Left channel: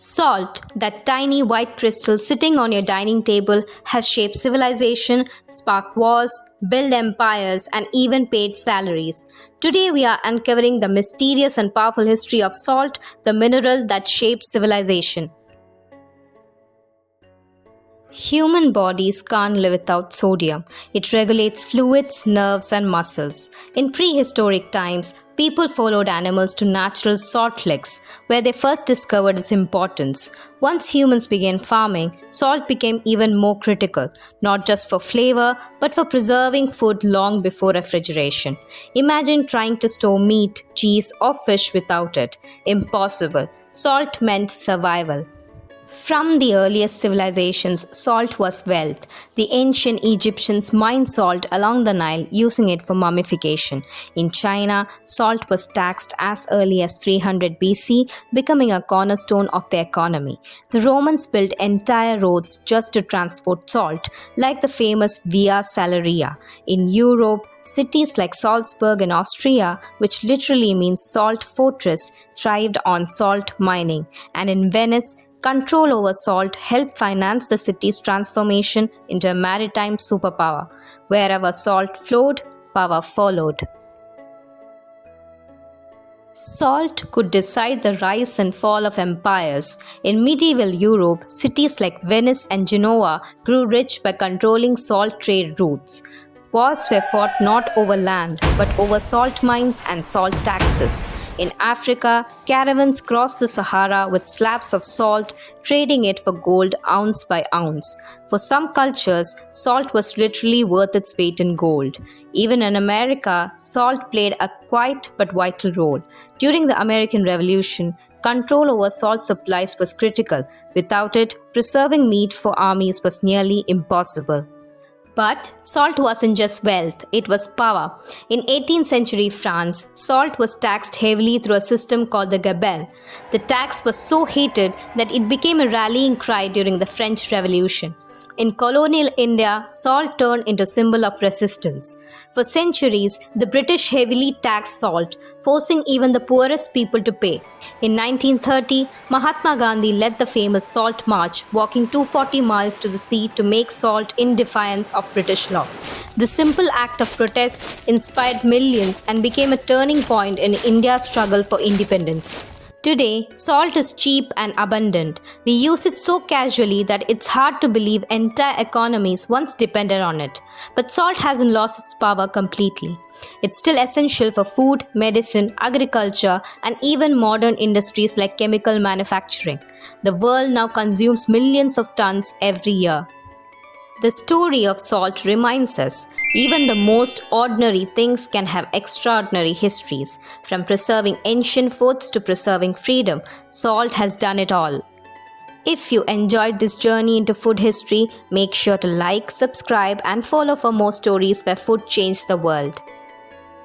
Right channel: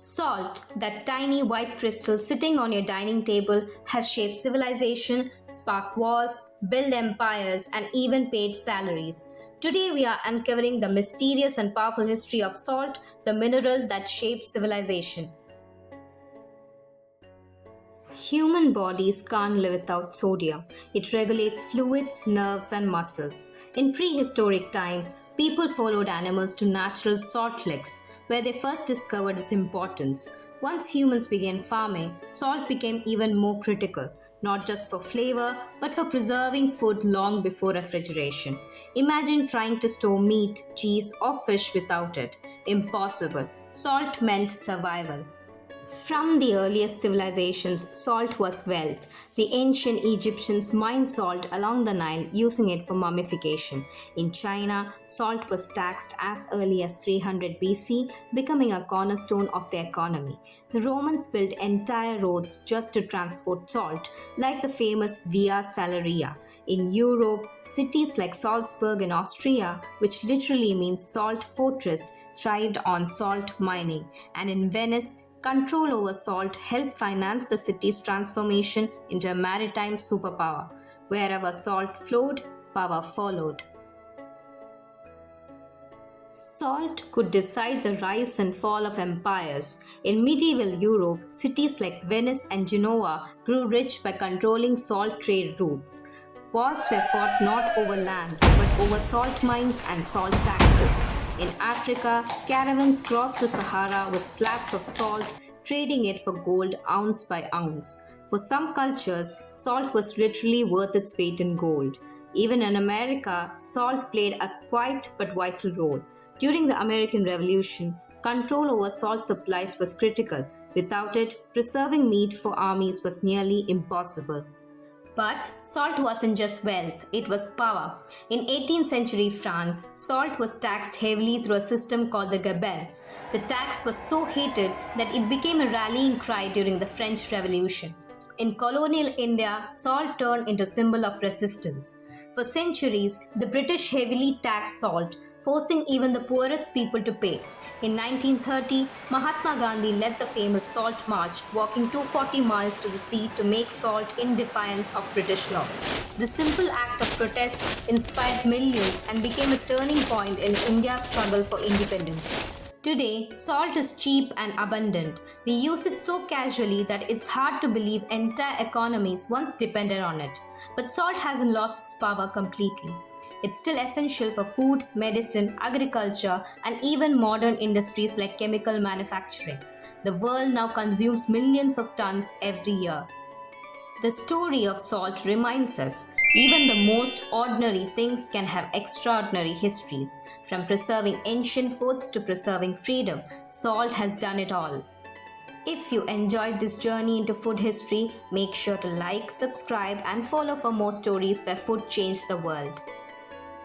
Salt, that tiny white crystal sitting on your dining table, has shaped civilization, sparked wars, built empires, and even paid salaries. Today, we are uncovering the mysterious and powerful history of salt, the mineral that shaped civilization. Human bodies can't live without sodium. It regulates fluids, nerves, and muscles. In prehistoric times, people followed animals to natural salt licks, where they first discovered its importance. Once humans began farming, salt became even more critical, not just for flavor, but for preserving food long before refrigeration. Imagine trying to store meat, cheese, or fish without it. Impossible. Salt meant survival. From the earliest civilizations, salt was wealth. The ancient Egyptians mined salt along the Nile, using it for mummification. In China, salt was taxed as early as 300 BC, becoming a cornerstone of the economy. The Romans built entire roads just to transport salt, like the famous Via Salaria. In Europe, cities like Salzburg in Austria, which literally means salt fortress, thrived on salt mining. And in Venice, control over salt helped finance the city's transformation into a maritime superpower. Wherever salt flowed, power followed. Salt could decide the rise and fall of empires. In medieval Europe, cities like Venice and Genoa grew rich by controlling salt trade routes. Wars were fought not over land, but over salt mines and salt taxes. In Africa, caravans crossed the Sahara with slabs of salt, trading it for gold ounce by ounce. For some cultures, salt was literally worth its weight in gold. Even in America, salt played a quiet but vital role. During the American Revolution, control over salt supplies was critical. Without it, preserving meat for armies was nearly impossible. But salt wasn't just wealth, it was power. In 18th century France, salt was taxed heavily through a system called the gabelle. The tax was so hated that it became a rallying cry during the French Revolution. In colonial India, salt turned into a symbol of resistance. For centuries, the British heavily taxed salt, forcing even the poorest people to pay. In 1930, Mahatma Gandhi led the famous Salt March, walking 240 miles to the sea to make salt in defiance of British law. The simple act of protest inspired millions and became a turning point in India's struggle for independence. Today, salt is cheap and abundant. We use it so casually that it's hard to believe entire economies once depended on it. But salt hasn't lost its power completely. It's still essential for food, medicine, agriculture, and even modern industries like chemical manufacturing. The world now consumes millions of tons every year. The story of salt reminds us even the most ordinary things can have extraordinary histories. From preserving ancient foods to preserving freedom, salt has done it all. If you enjoyed this journey into food history, make sure to like, subscribe, and follow for more stories where food changed the world.